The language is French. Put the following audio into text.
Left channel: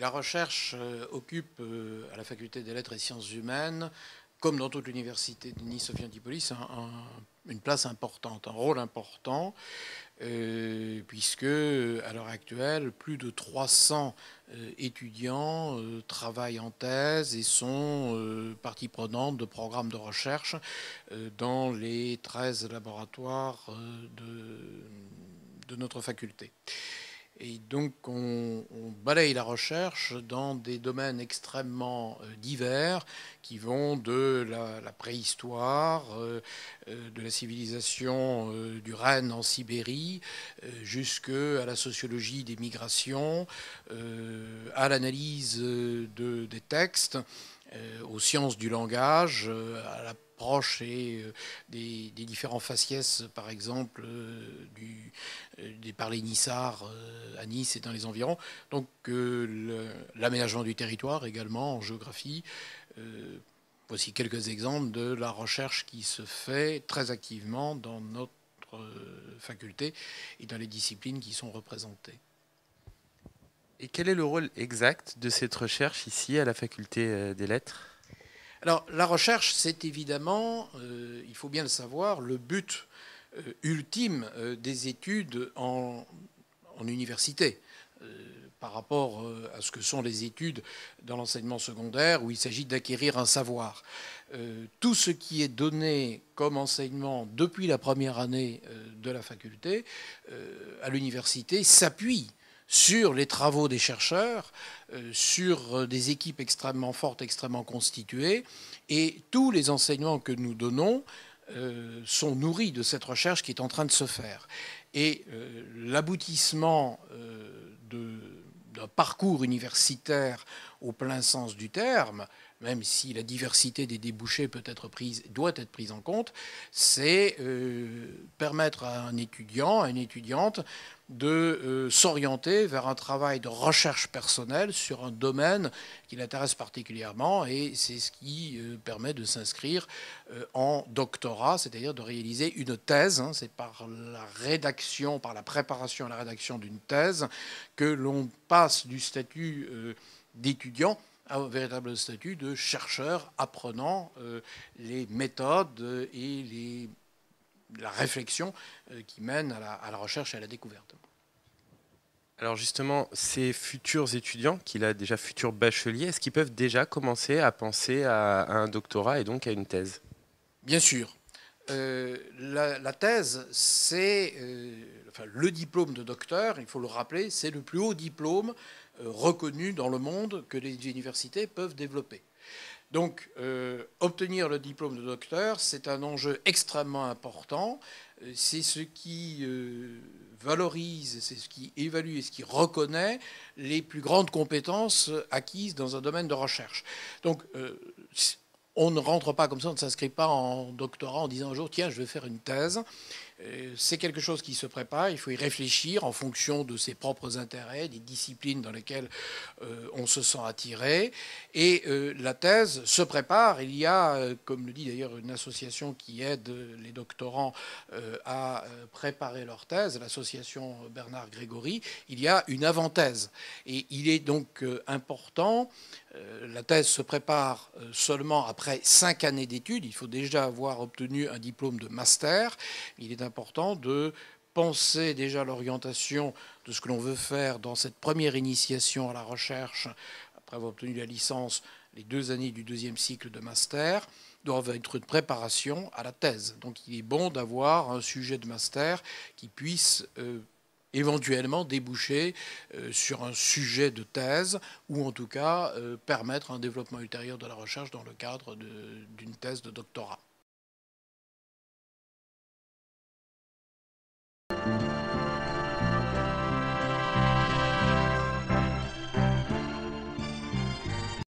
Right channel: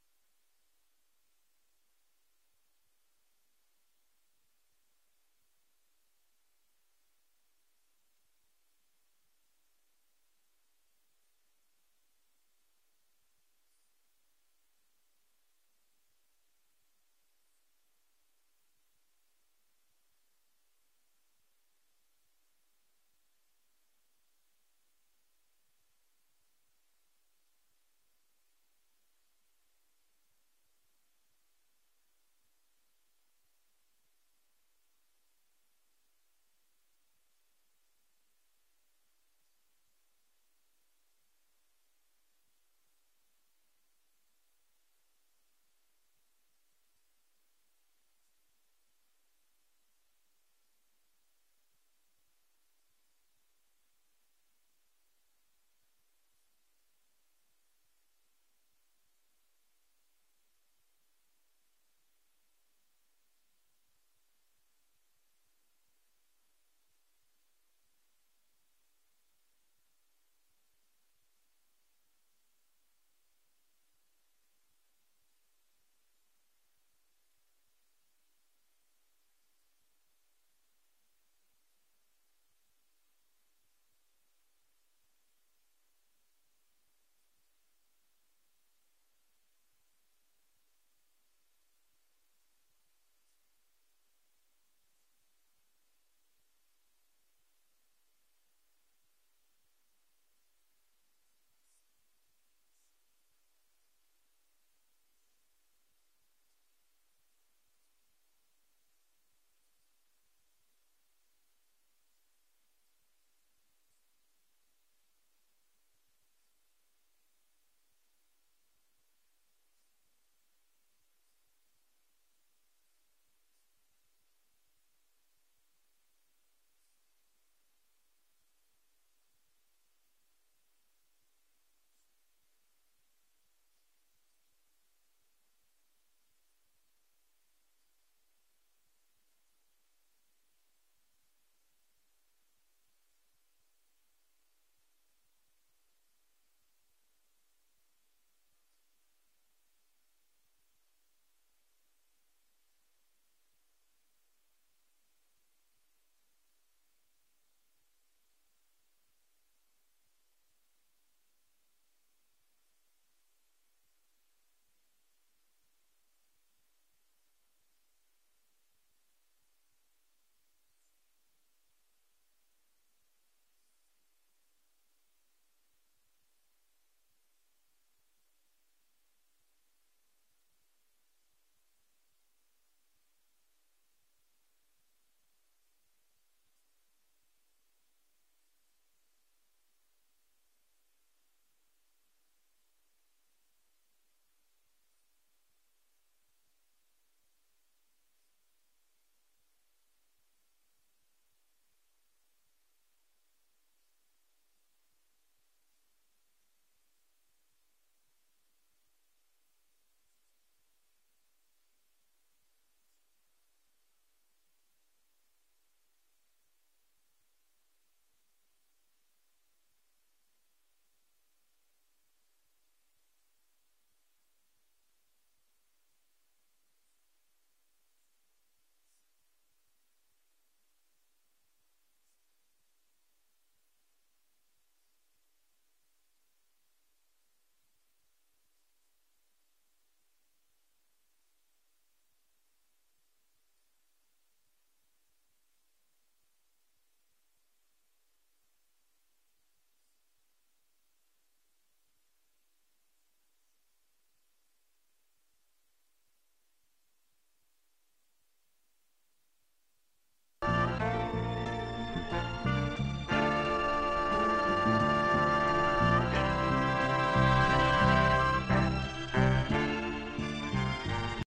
La recherche occupe à la faculté des lettres et sciences humaines, comme dans toute l'université de Nice-Sophie Antipolis, une place importante, un rôle important, puisque à l'heure actuelle, plus de 300 étudiants travaillent en thèse et sont partie prenante de programmes de recherche dans les 13 laboratoires de notre faculté. Et donc on balaye la recherche dans des domaines extrêmement divers qui vont de la préhistoire, de la civilisation du Rennes en Sibérie, jusqu'à la sociologie des migrations, à l'analyse des textes, aux sciences du langage, à l'approche des différents faciès, par exemple, des parlers nissards à Nice et dans les environs. Donc l'aménagement du territoire également en géographie. Voici quelques exemples de la recherche qui se fait très activement dans notre faculté et dans les disciplines qui sont représentées. Et quel est le rôle exact de cette recherche ici à la faculté des lettres? Alors la recherche, c'est évidemment, il faut bien le savoir, le but ultime des études en université par rapport à ce que sont les études dans l'enseignement secondaire où il s'agit d'acquérir un savoir. Tout ce qui est donné comme enseignement depuis la première année de la faculté à l'université s'appuie sur les travaux des chercheurs, sur des équipes extrêmement fortes, extrêmement constituées, et tous les enseignements que nous donnons sont nourris de cette recherche qui est en train de se faire. Et l'aboutissement d'un parcours universitaire au plein sens du terme, même si la diversité des débouchés doit être prise en compte, c'est permettre à un étudiant, à une étudiante, de s'orienter vers un travail de recherche personnelle sur un domaine qui l'intéresse particulièrement, et c'est ce qui permet de s'inscrire en doctorat, c'est-à-dire de réaliser une thèse. C'est par la rédaction, par la préparation et la rédaction d'une thèse que l'on passe du statut d'étudiant au véritable statut de chercheur apprenant les méthodes et la réflexion qui mène à la recherche et à la découverte. Alors justement, ces futurs étudiants, qu'il a déjà futurs bacheliers, est-ce qu'ils peuvent déjà commencer à penser à un doctorat et donc à une thèse? Bien sûr. La thèse, c'est enfin, le diplôme de docteur, il faut le rappeler, c'est le plus haut diplôme reconnu dans le monde que les universités peuvent développer. Donc, obtenir le diplôme de docteur, c'est un enjeu extrêmement important. C'est ce qui valorise, c'est ce qui évalue et ce qui reconnaît les plus grandes compétences acquises dans un domaine de recherche. Donc, on ne rentre pas comme ça, on ne s'inscrit pas en doctorat en disant un jour, tiens, je vais faire une thèse. C'est quelque chose qui se prépare, il faut y réfléchir en fonction de ses propres intérêts, des disciplines dans lesquelles on se sent attiré. Et la thèse se prépare. Il y a, comme le dit d'ailleurs une association qui aide les doctorants à préparer leur thèse, l'association Bernard Grégory, il y a une avant-thèse. Et il est donc important. La thèse se prépare seulement après 5 années d'études. Il faut déjà avoir obtenu un diplôme de master. Il est important de penser déjà l'orientation de ce que l'on veut faire dans cette première initiation à la recherche, après avoir obtenu la licence, les 2 années du deuxième cycle de master doivent être une préparation à la thèse. Donc il est bon d'avoir un sujet de master qui puisse éventuellement déboucher sur un sujet de thèse ou en tout cas permettre un développement ultérieur de la recherche dans le cadre d'une thèse de doctorat.